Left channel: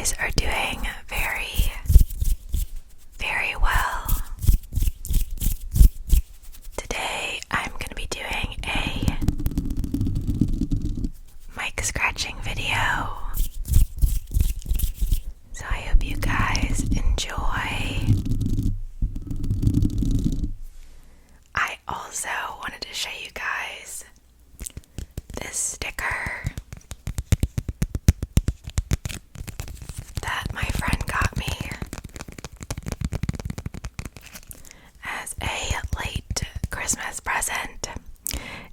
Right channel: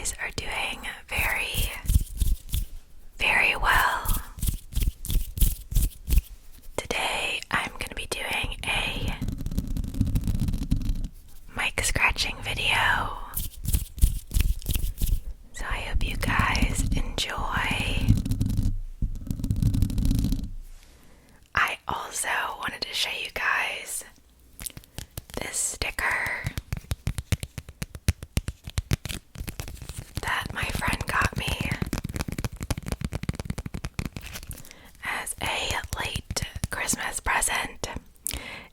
guys are doing very, very well. Today I'm going to be doing a mic scratching video. So I hope you guys enjoy. I also wanted to show you guys this sticker that my friend got me as a late Christmas present.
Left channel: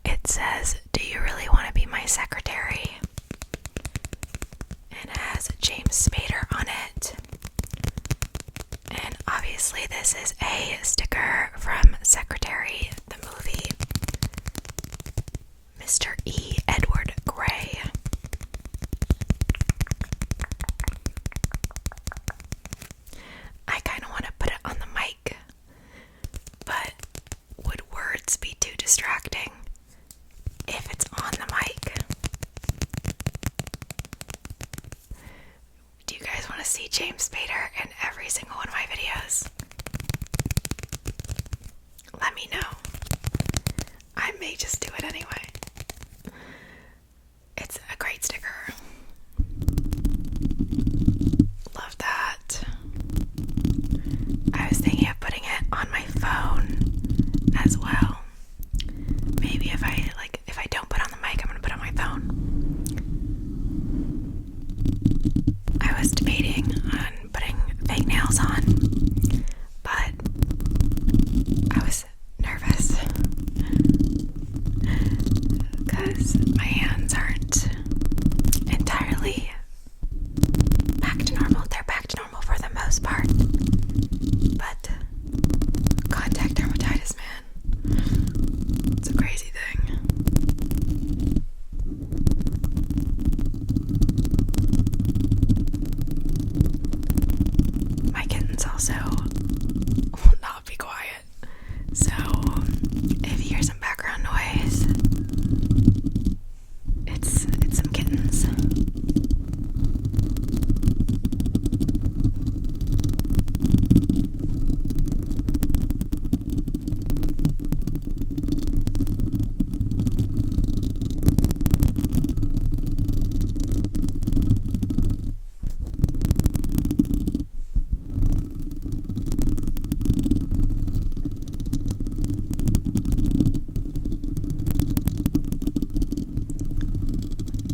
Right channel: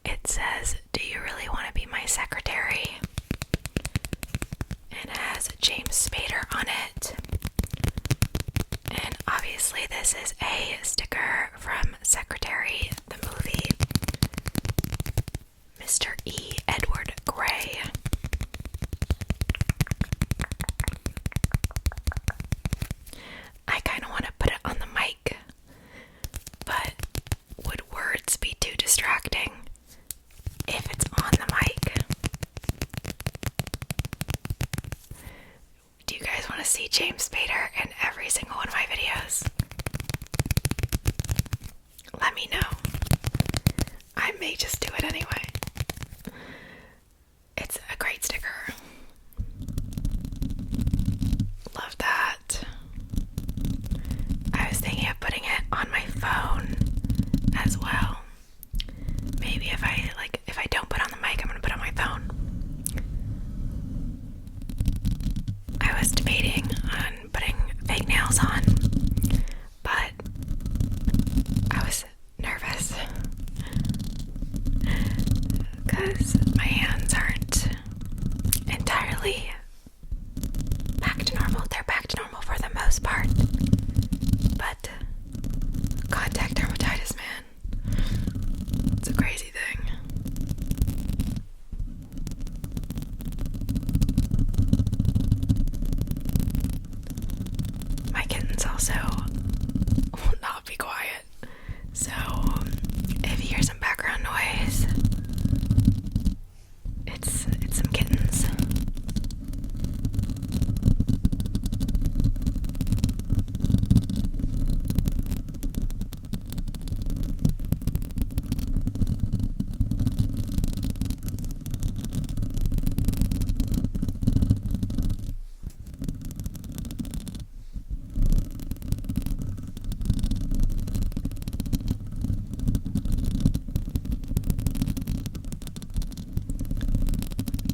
It says, "Do you really want to be my secretary?" And it has James Spader on it. And obviously this is a sticker from Secretary, the movie. Mr. E. Edward Grey. I kind of want to put it on the mic, but would words be too distracting if it's on the mic? Do you guys want to see James Spader in every single one of my videos? Let me know. I may just do it anyway. It's a great sticker. Love that. I was thinking of putting it on my phone as well. Maybe if I don't put on the mic, I'm gonna put it on my phone. I was debating on putting fake nails on, but I was nervous because my hands aren't entirely back to normal. They're back to normal for the most part, but contact dermatitis, man, it's a crazy thing. My kittens also will not be quiet, so if you hear some background noise, it's some kittens.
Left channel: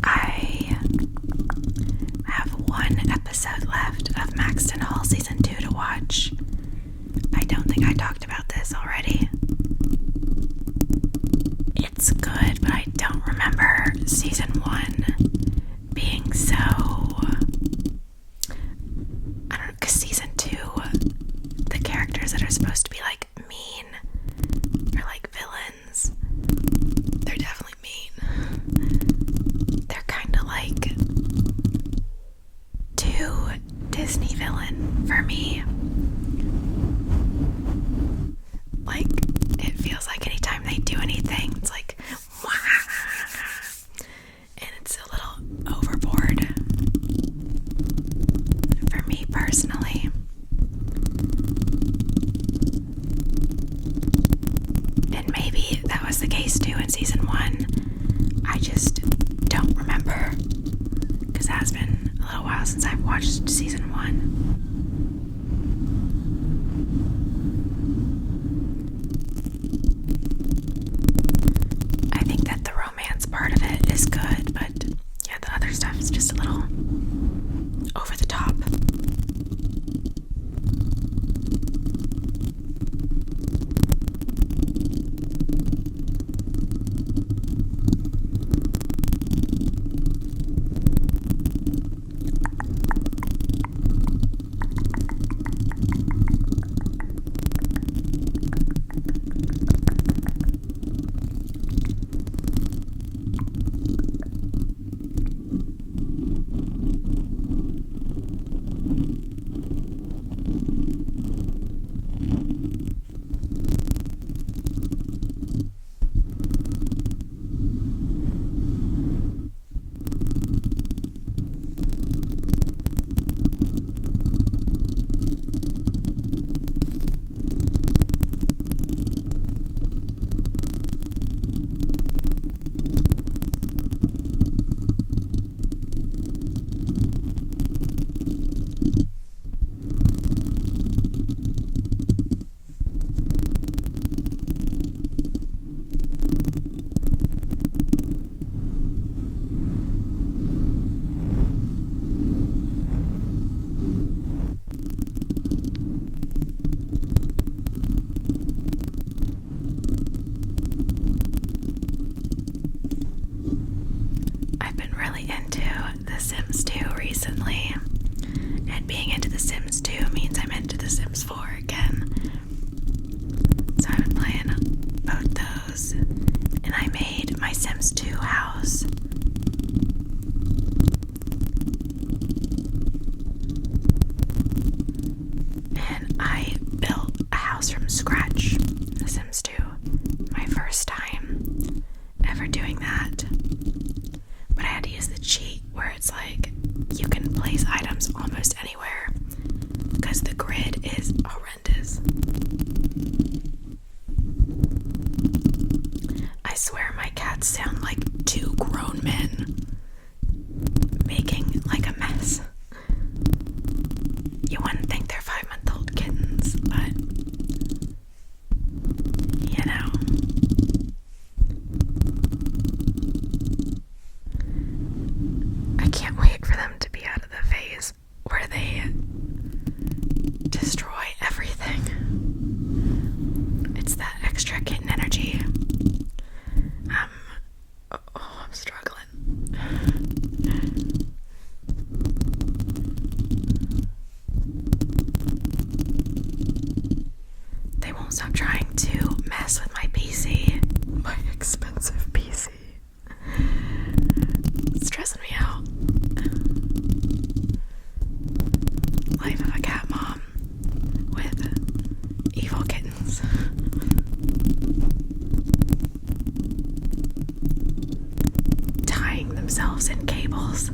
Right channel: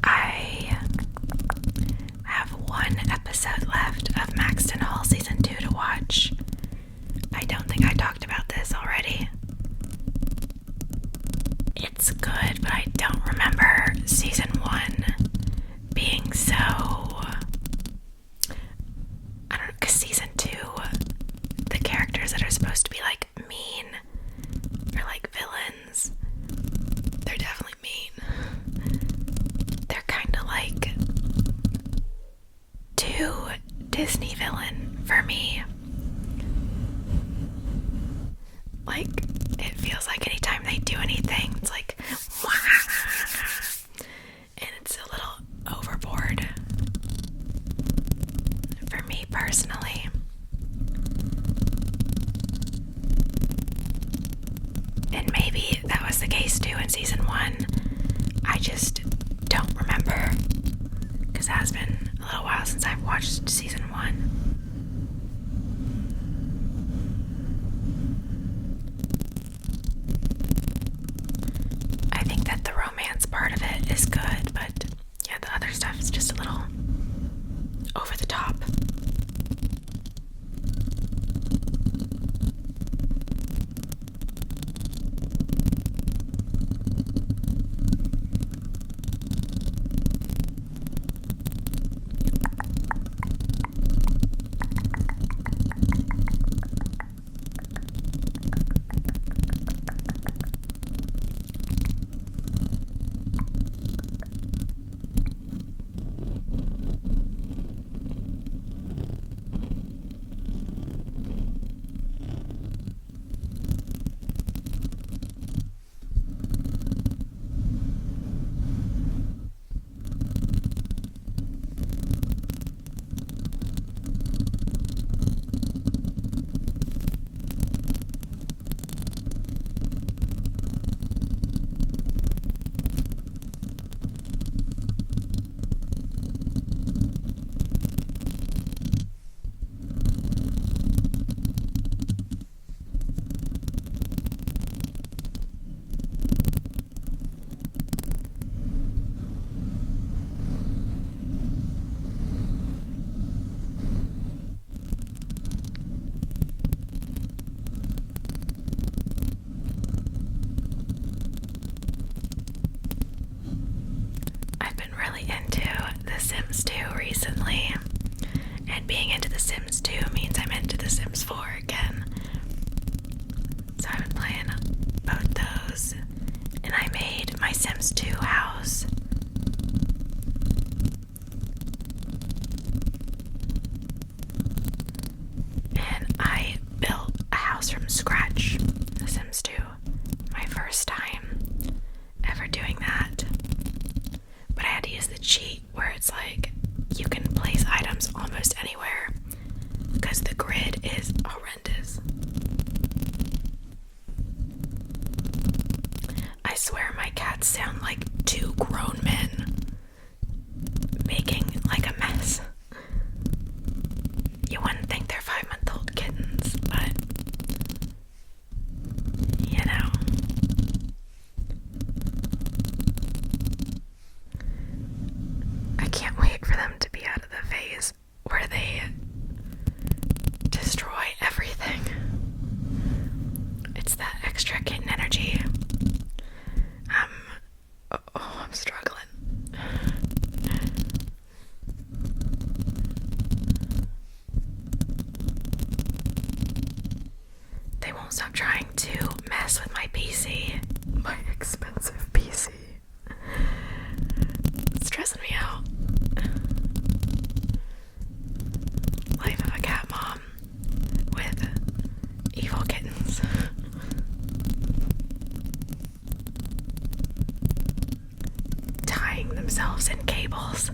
I have one episode left of Maxton Hall Season 2 to watch. I don't think I talked about this already. It's good, but I don't remember Season 1 being so... I don't know, because Season 2, the characters that are supposed to be like mean are like villains. They're definitely mean. They're kind of like too Disney villain for me. Like, it feels like anytime they do anything, it's like, wah! And it's a little overboard for me personally. And maybe that was the case too in Season 1. I just don't remember, because it has been a little while since I've watched Season 1. I think that the romance part of it is good, but yeah, the other stuff is just a little over the top. Sims 2 recently, and being into The Sims 2 means I'm into The Sims 4 again. So I've been playing both those, and I made my Sims 2 house. And I built a house from scratch in The Sims 2. My first time ever doing that. But I had to use the cheat where it's like you can place items almost anywhere because the grid is horrendous. I swear my cats sound like two grown men making like a mess. You wouldn't think they're 5-month-old kittens, but you know. I can't wait for them to be out of the phase where they destroy everything. It's that extra kitten energy. I'm struggling. They won't stop trying to mess with my PC. My expensive PC. It's stressing me out. Life of a cat mom with evil kittens. Tying themselves in cables.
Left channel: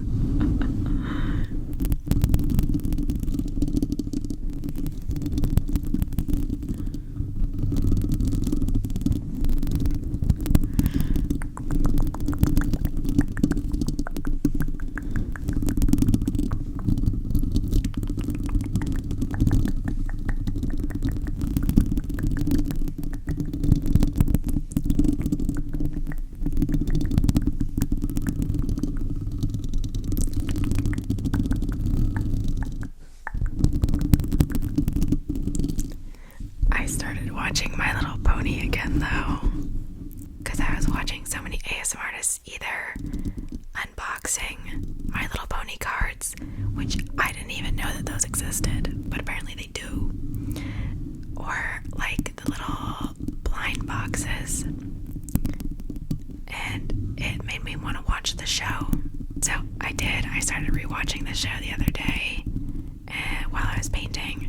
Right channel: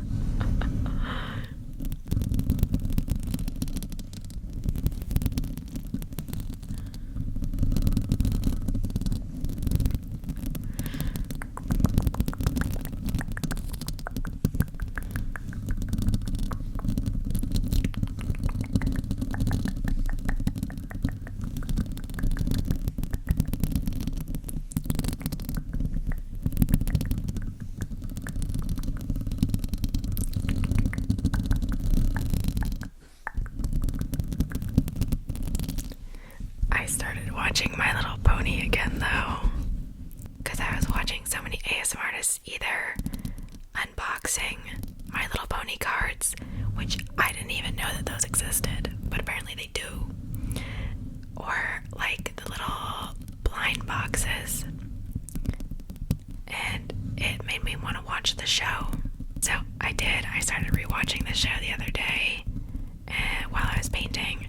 I started watching My Little Pony again though, because I was watching so many ASMR artists either unboxing My Little Pony cards, which I didn't even know that those existed, but apparently they do, or like the little blind boxes, and it made me want to watch the show. So I did. I started rewatching the show the other day while I was painting,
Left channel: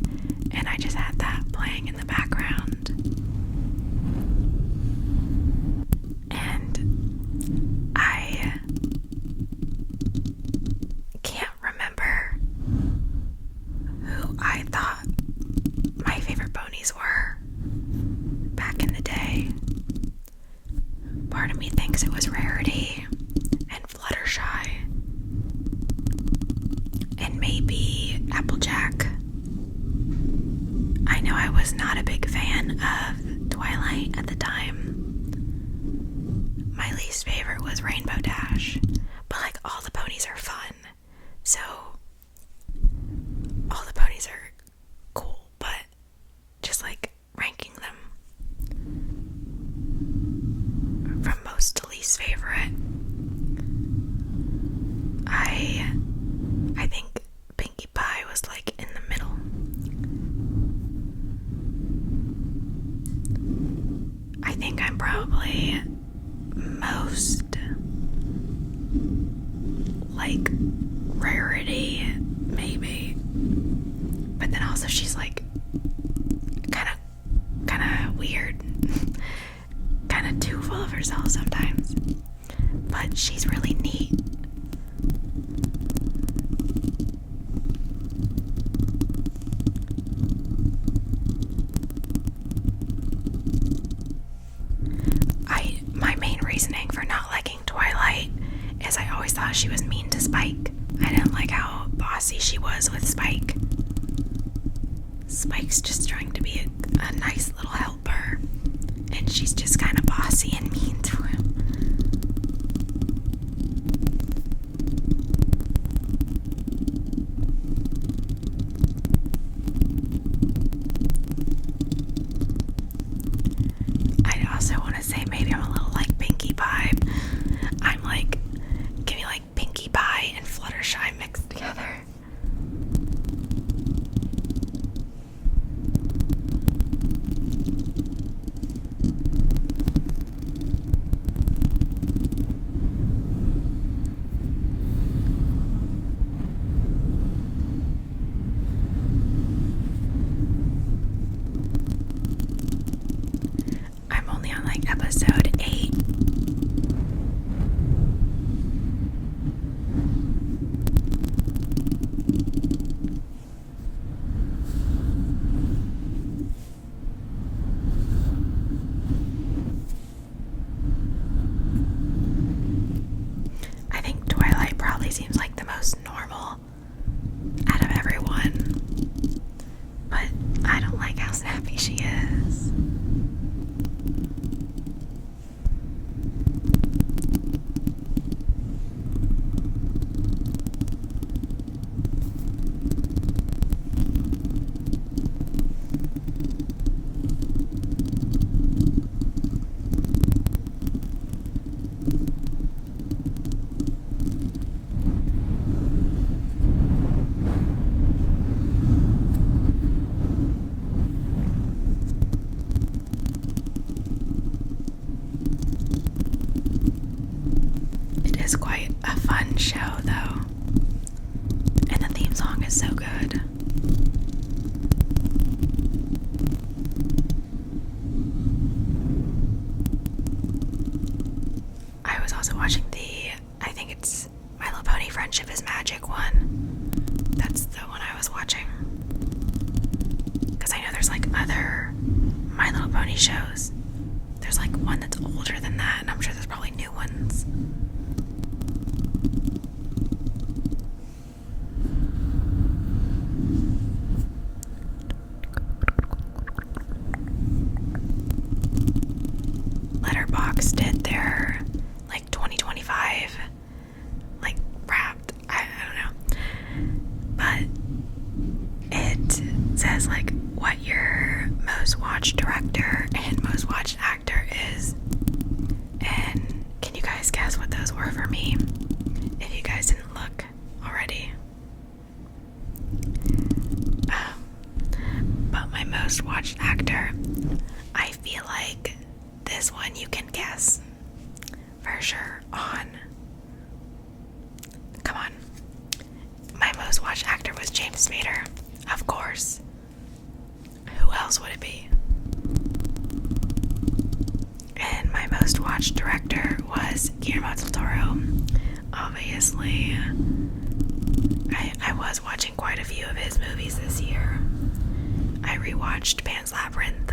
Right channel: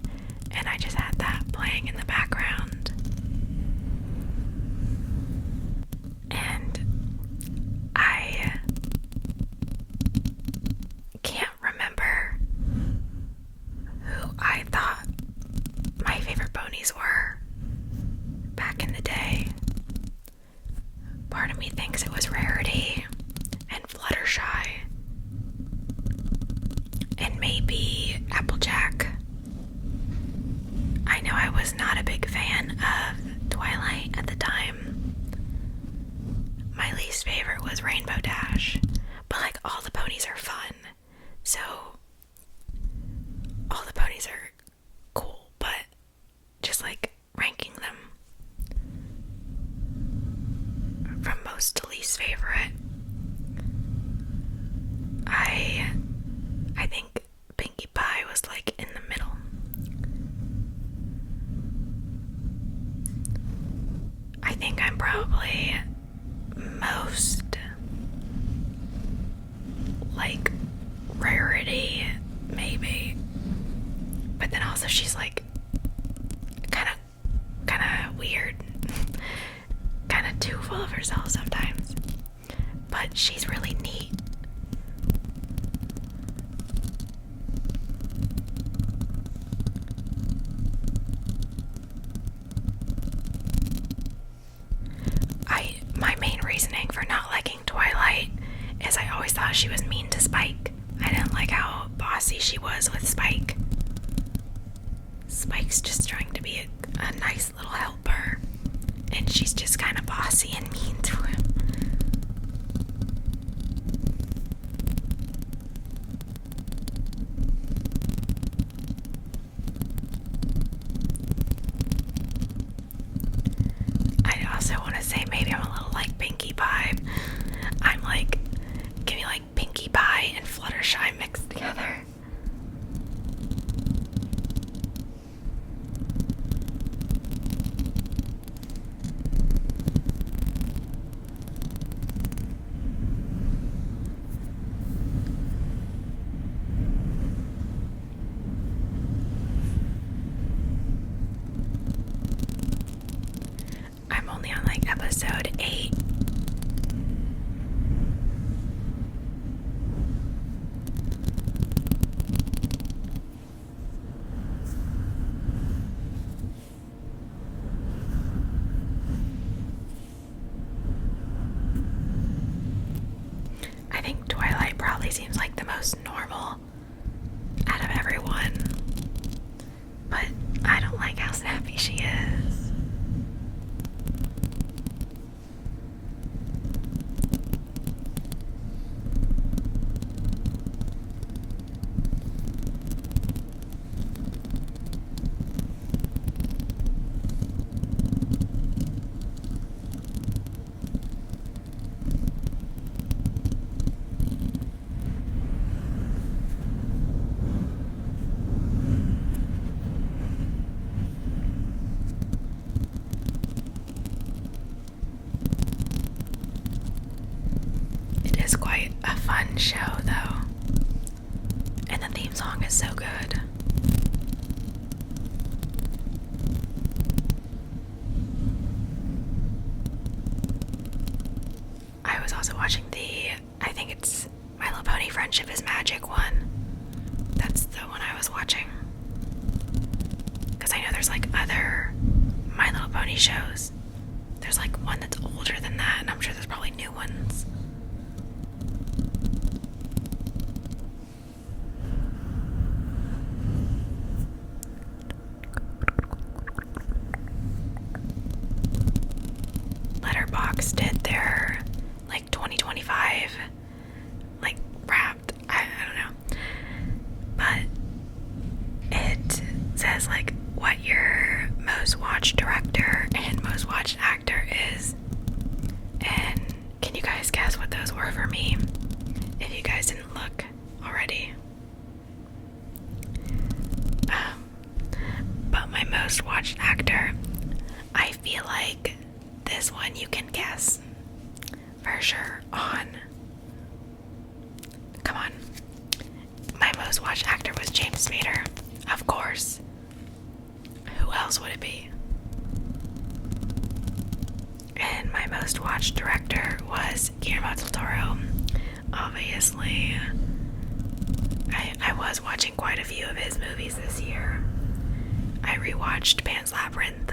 and I just had that playing in the background. And I can't remember who I thought my favorite ponies were back in the day. Part of me thinks it was Rarity and Fluttershy and maybe Applejack. I know I was not a big fan of Twilight at the time. My least favorite was Rainbow Dash, but like all the ponies are fun, so all the ponies are cool, but just like ranking them from most to least favorite, I think Pinkie Pie was like in the middle. I think I'm probably most like Rarity, maybe, but then also she's like kind of weird, kind of too full of herself sometimes, but she's really neat. My main reasoning for not liking Twilight is I always thought she was mean to Spike. I didn't like how bossy she was with Spike. Spike's just trying to be a nice little helper, and she's just kind of bossy and mean to him. I also want to say maybe I'm a little like Pinkie Pie. I'm like, give me like Pinkie Pie and Fluttershy episode 8. I think Twilight probably seems like the most normal out of everyone, but I don't like how snappy she is. It's quite a fun show, though, and the theme song is so good. I was also watching I think it's My Little Pony Friendship is Magic one. That's the one I was watching. Because I know there's like other My Little Pony shows. There's like one that's older than that, and I'm sure there's probably new ones. Letterboxd did their like 2025 like wrapped, I don't know, but it says like what your most watched director and most watched actor is, and can you guys guess what those were for me if you guys didn't look already? But my most watched actor, I feel like this one you can guess for sure on. Come on. My most watched actor was James Spader, of course. Who else would it be? And my most watched director was Guillermo del Toro. Obviously, I was watching quite a few of his movies this year. I rewatched Pan's Labyrinth,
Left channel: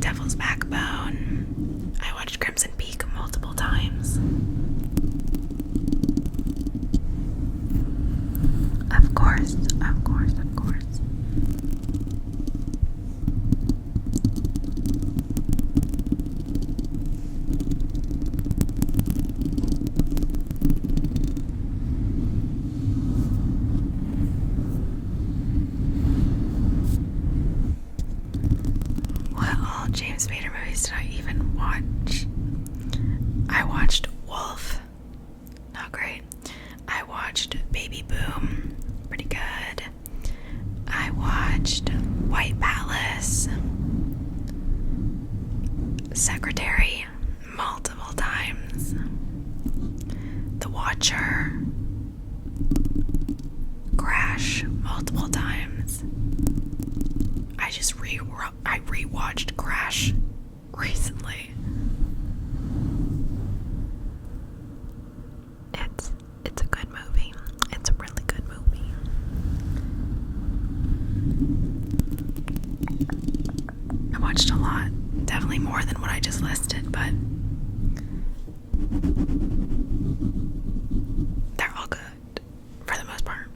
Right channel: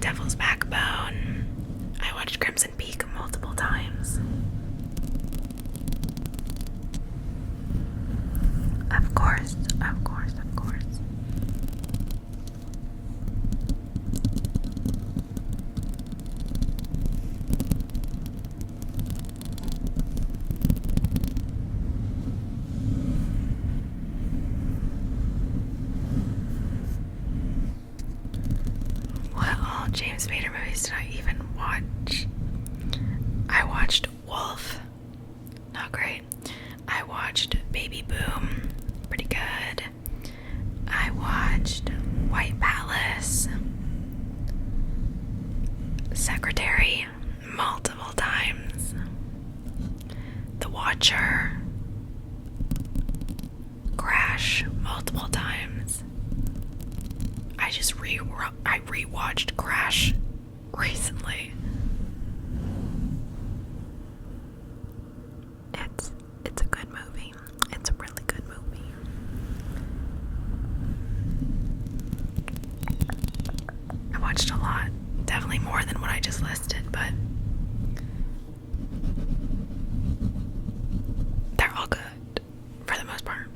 Devil's Backbone. I watched Crimson Peak multiple times. Of course. What all James Spader movies did I even watch? I watched Wolf. Not great. I watched Baby Boom. Pretty good. I watched White Palace. Secretary multiple times. The Watcher. Crash multiple times. I rewatched Crash recently. It's a good movie. It's a really good movie. I watched a lot. Definitely more than what I just listed, but they're all good for the most part.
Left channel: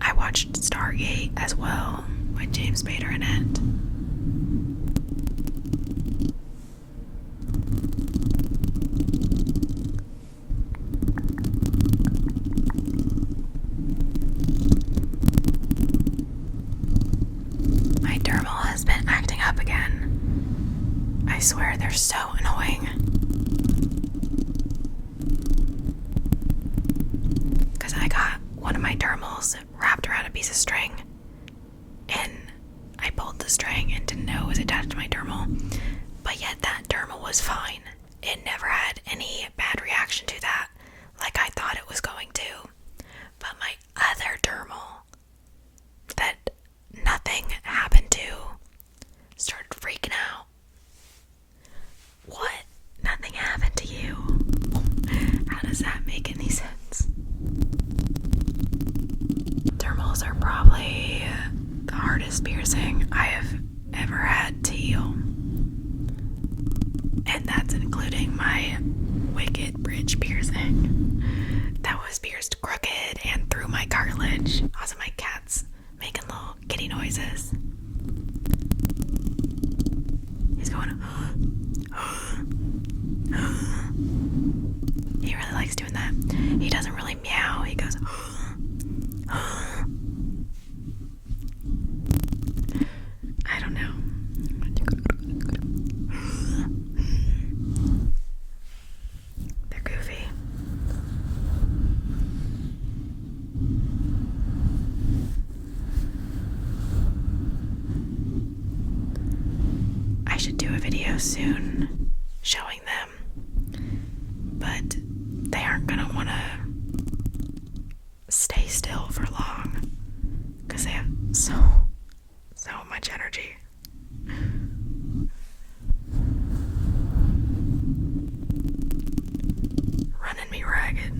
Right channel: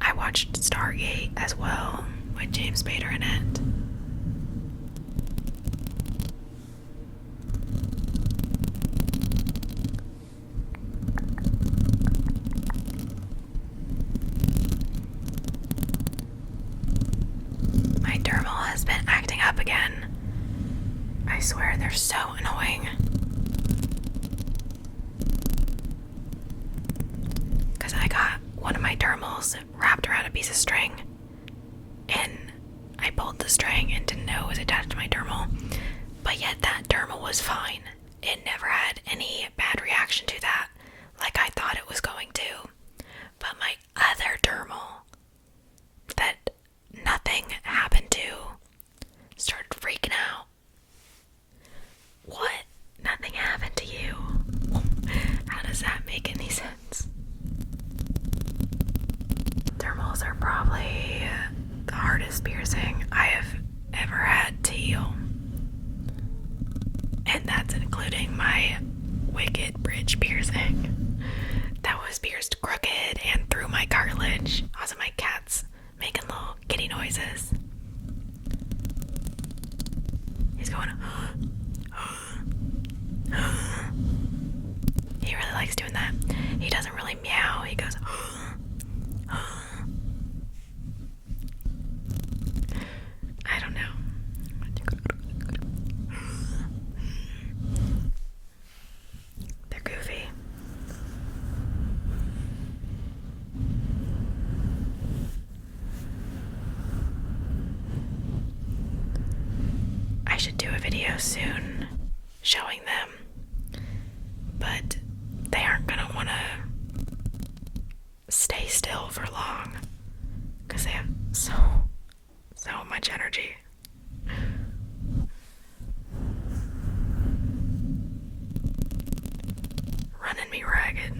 I watched Stargate as well with James Spader in it. My dermal has been acting up again. I swear they're so annoying. Because I got one of my dermals wrapped around a piece of string, and I pulled the string and didn't know it was attached to my dermal, but yet that dermal was fine. It never had any bad reaction to that, like I thought it was going to. But my other dermal that nothing happened to started freaking out. last piercing I have ever had to heal. And that's including my wicked bridge piercing. That was pierced crooked and through my cartilage. Also, my cat's making little kitty noises. He's going, he really likes doing that. He doesn't really meow, he goes, I don't know. They're goofy. I should do a video soon showing them, but they aren't gonna wanna stay still for long because they have so much energy. Running me ragged.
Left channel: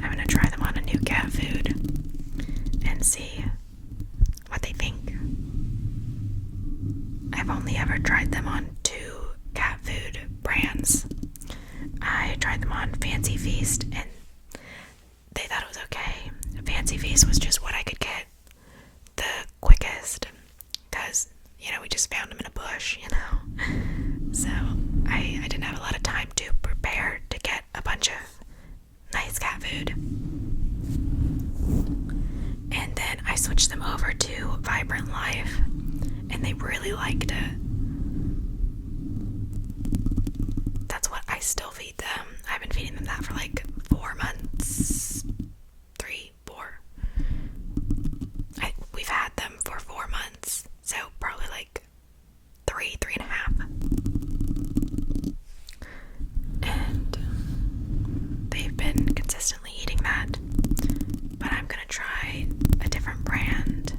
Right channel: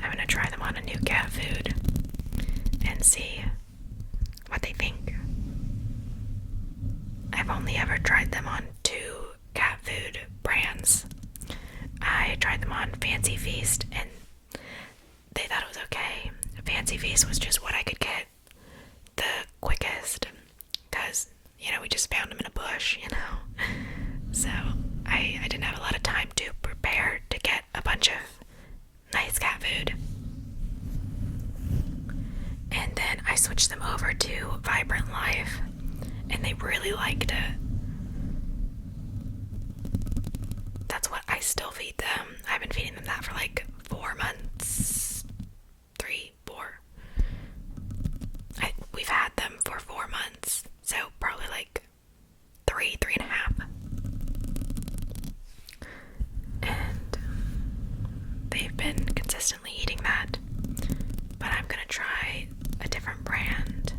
I'm gonna try them on a new cat food and see what they think. I've only ever tried them on 2 cat food brands. I tried them on Fancy Feast and they thought it was okay. Fancy Feast was just what I could get the quickest because, we just found them in a bush, So I didn't have a lot of time to prepare to get a bunch of nice cat food. And then I switched them over to Vibrant Life and they really liked it. That's what I still feed them. I've been feeding them that for like 4 months. 3, 4. We've had them for 4 months. So probably like 3.5. And they've been consistently eating that. But I'm gonna try a different brand.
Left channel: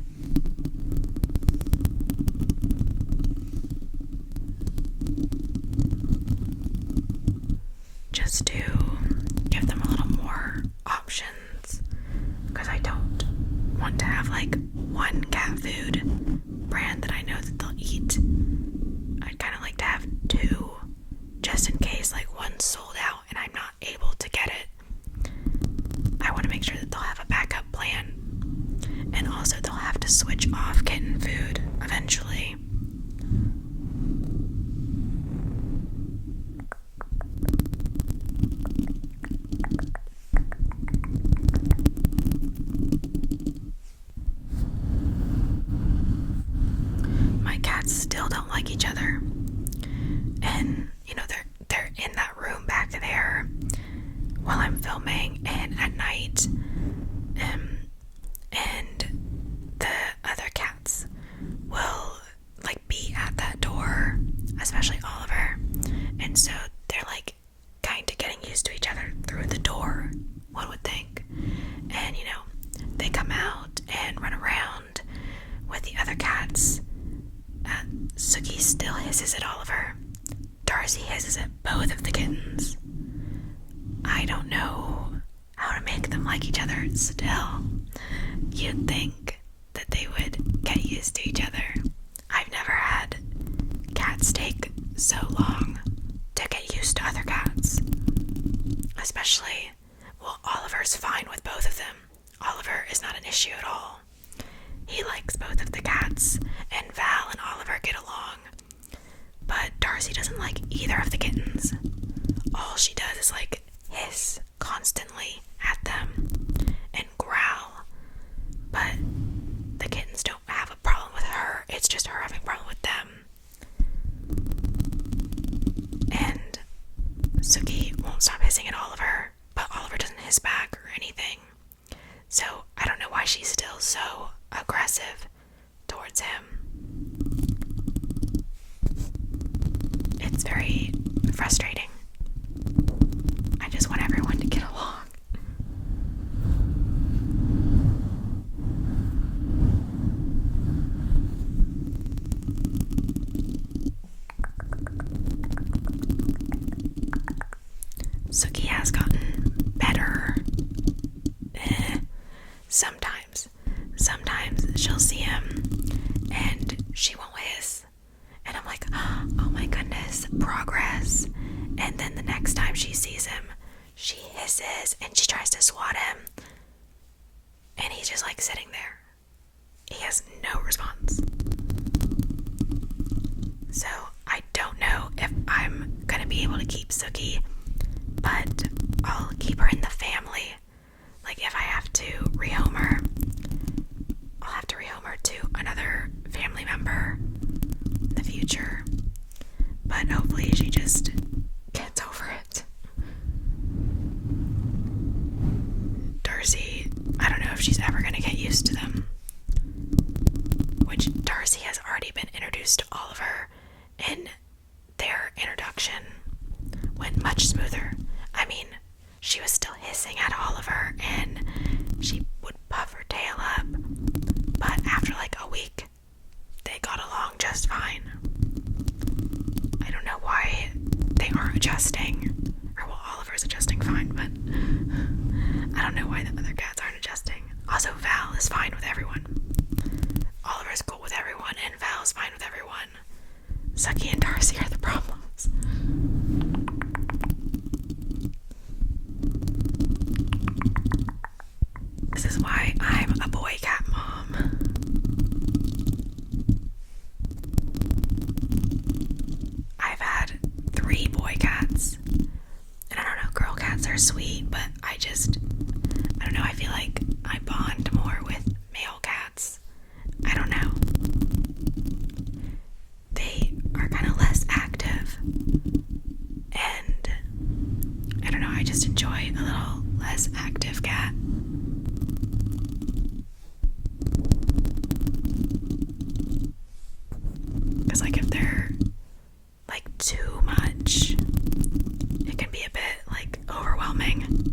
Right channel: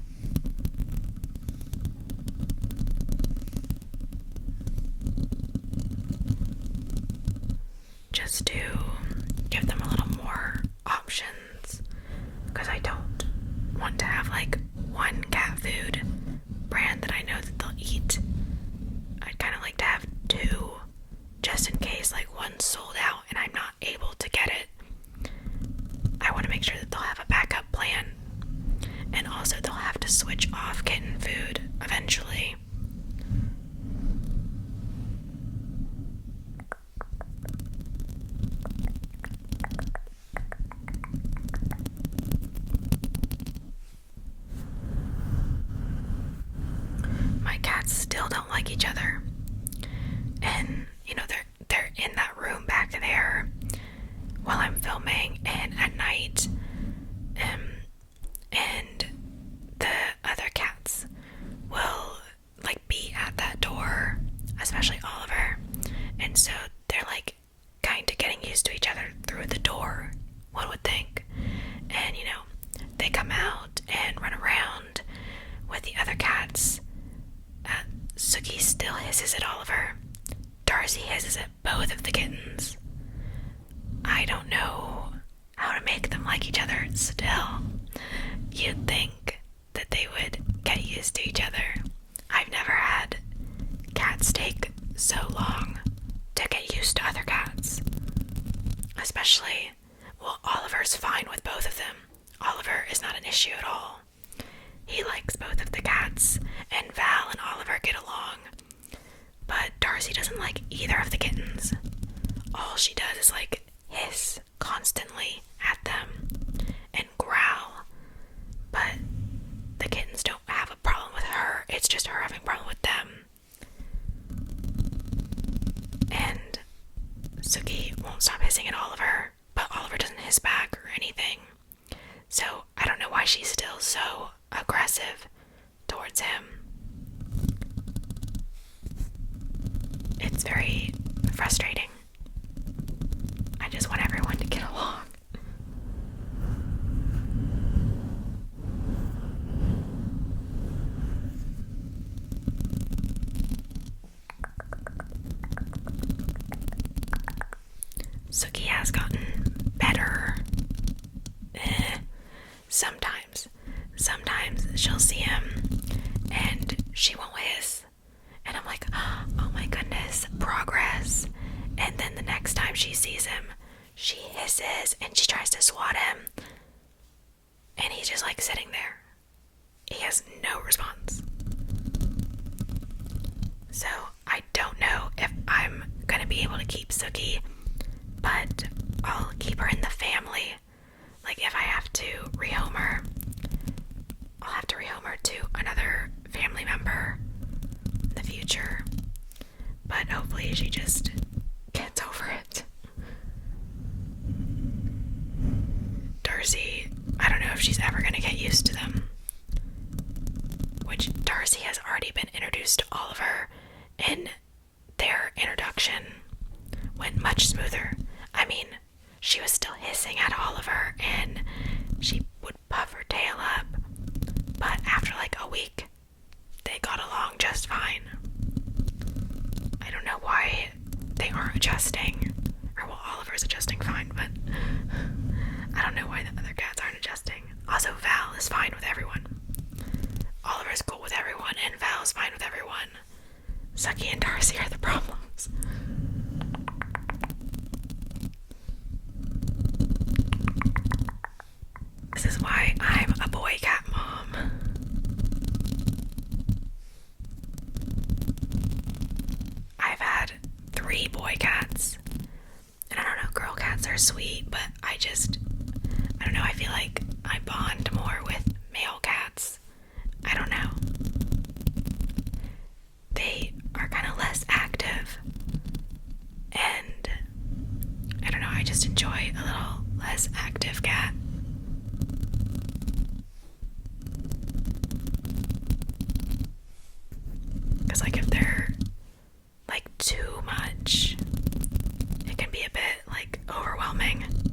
Just to give them a little more options, because I don't want to have like one cat food brand that I know that they'll eat. I'd kind of like to have 2 just in case like one's sold out and I'm not able to get it. I want to make sure that they'll have a backup plan, and also they'll have to switch off kitten food eventually. My cats still don't like each other, and they're in that room back there while I'm filming and at night, and the other cats will like be at that door, especially Oliver, and so they're like kind of getting used to each other through the door, one would think. And they come out and run around with the other cats. Suki still hisses at Oliver. Darcy hisses at both of the kittens. I don't know how to make them like each other still. You'd think that they would get used to each other. I've never had cats take so long to get used to other cats. Especially, Oliver's fine with both of them. Oliver is not an issue at all. He likes both of the cats, and Val and Oliver get along. But Darcy doesn't like either of the kittens. All she does is like hiss constantly at them and growl. But the kittens don't have a problem with her. It's just her having a problem with them. And Suki won't stop hissing at Oliver, but Oliver doesn't hiss back or anything. So I don't know why she's still so aggressive towards him. It's very frustrating. I just want everyone to get along. Suki has gotten better. sees him, she hisses and she tries to swat him. And he's just like sitting there. He has no response. So I don't know if I'm gonna be able to keep Sookie, but I'll keep her in the family. Like if I have to rehome her, I'll have to rehome her to another family member in the future. But hopefully she just gets over it. Darcy, I don't know if she's ever gonna get used to them. Which Darcy has already been introduced to Oliver, and their introduction went much smoother. I mean, she was still hissing at Oliver and she would puff her tail up, but after like a week, they got along just fine. I don't know why they aren't adjusting, or well, Oliver's adjusting fine, but I don't know why the other cats aren't adjusting. Also, Val is fine with everyone. Oliver's cool with everyone, and Val's fine with everyone. Sookie and Darcy are the problems. This is why I'm a boy cat mom. I've had 3 boy cats. And I don't know, girl cats are sweet, but I don't know, I feel like I bond more with male cats. I don't know. They are kind of less active. And I don't know, I just enjoy a little less active cat. Because like if they're like too much, it can be a bit like overwhelming.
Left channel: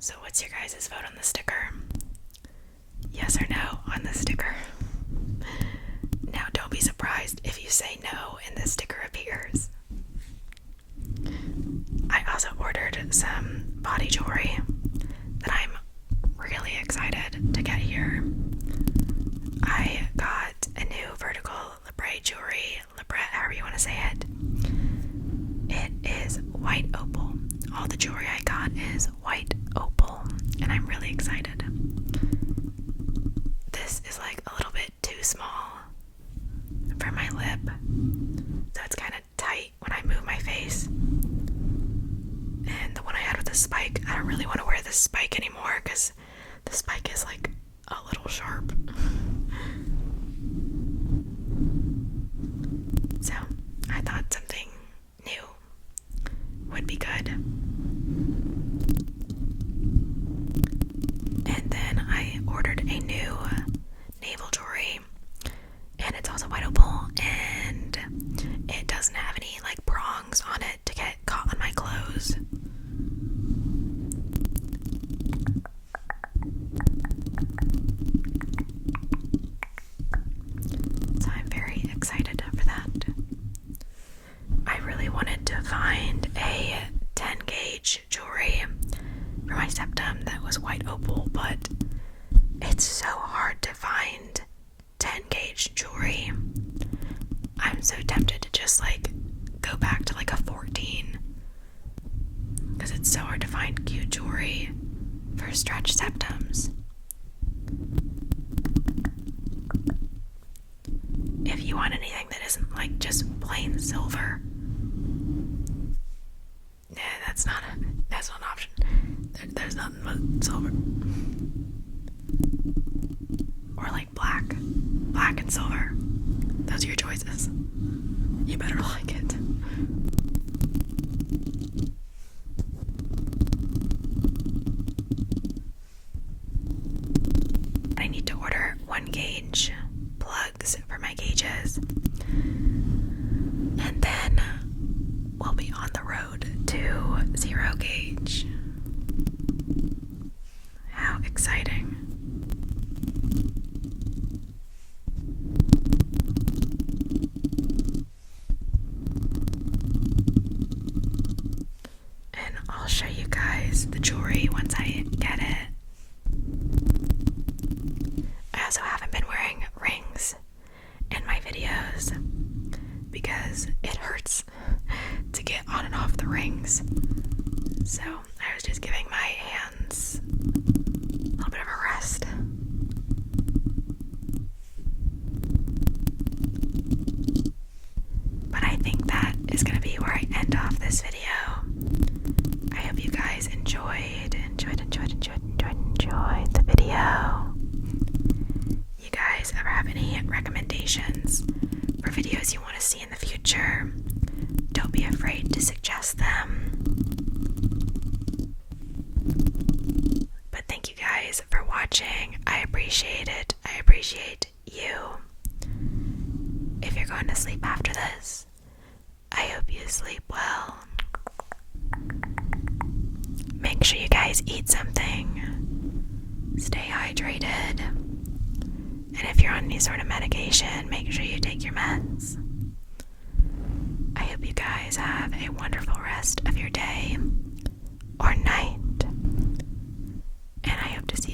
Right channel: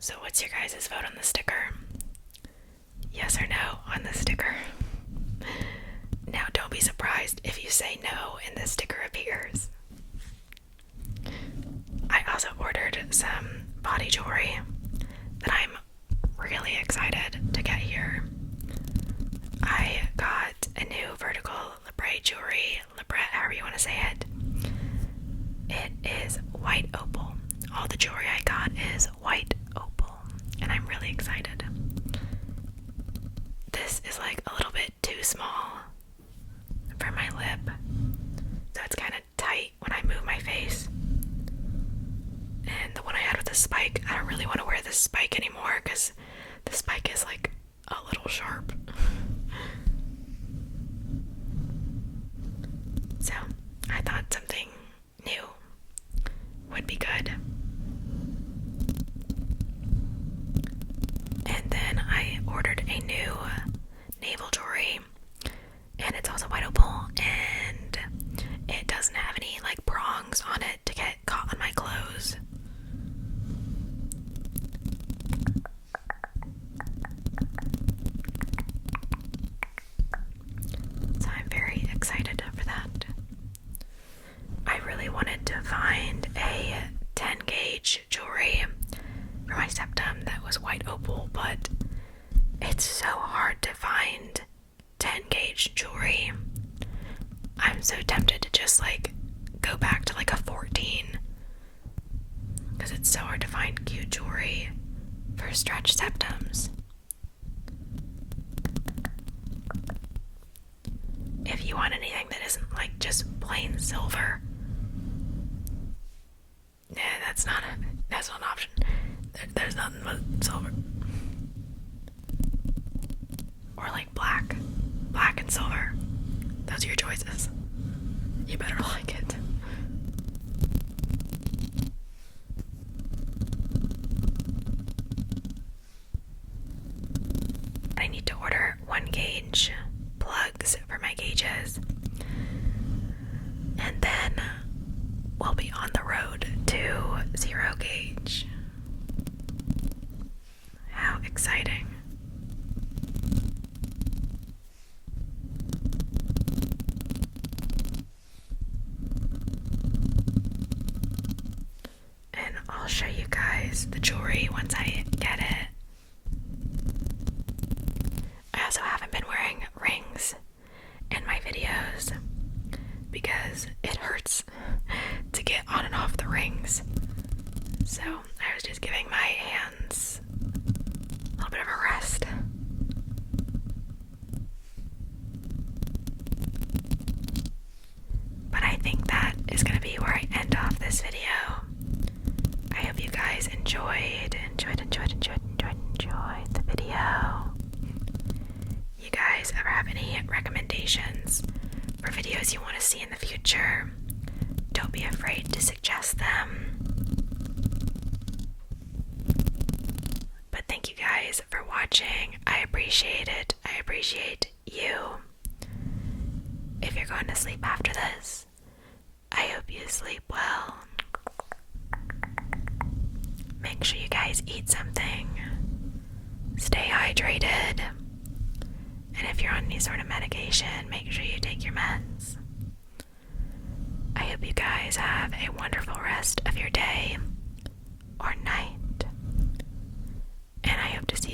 So what's your guys' vote on the sticker? Yes or no on the sticker? Now don't be surprised if you say no and the sticker appears. I also ordered some body jewelry that I'm really excited to get here. I got a new vertical labret jewelry, labret, however you want to say it. It is white opal. All the jewelry I got is white opal, and I'm really excited. This is like a little bit too small for my lip, so it's kind of tight when I move my face. And the one I had with the spike, I don't really want to wear this spike anymore because the spike is like a little sharp. So I thought something new would be good. And then I ordered a new navel jewelry, and it's also white opal, and it doesn't have any like prongs on it to get caught on my clothes. So I'm very excited for that. I really wanted to find a 10 gauge jewelry for my septum that was white opal, but it's so hard to find 10 gauge jewelry. I'm so tempted to just like go back to like a 14 because it's so hard to find cute jewelry for stretched septums. If you want anything that isn't like just plain silver, that's not an option. There's nothing but silver. Or like black and silver. Those are your choices. You better like it. 1 gauge plugs for my gauges. And then we'll be on the road to 0 gauge. How exciting. And I'll show you guys the jewelry once I get it. I also haven't been wearing rings in my videos because it hurts to get on and off the rings. So I was just giving my hands a little bit of a rest. But I think that is going to be where I end off this video. I hope you guys enjoyed the video. You guys ever have any recommendations for videos you want to see in the future? Don't be afraid to suggest them. But thank you guys for watching. I appreciate it. I appreciate you. If you're going to sleep after this, I hope you sleep well. Make sure you guys eat something. Stay hydrated. And if you're on any sort of medication, make sure you take your meds. I hope you guys have a wonderful rest of your day or night. And I hope to see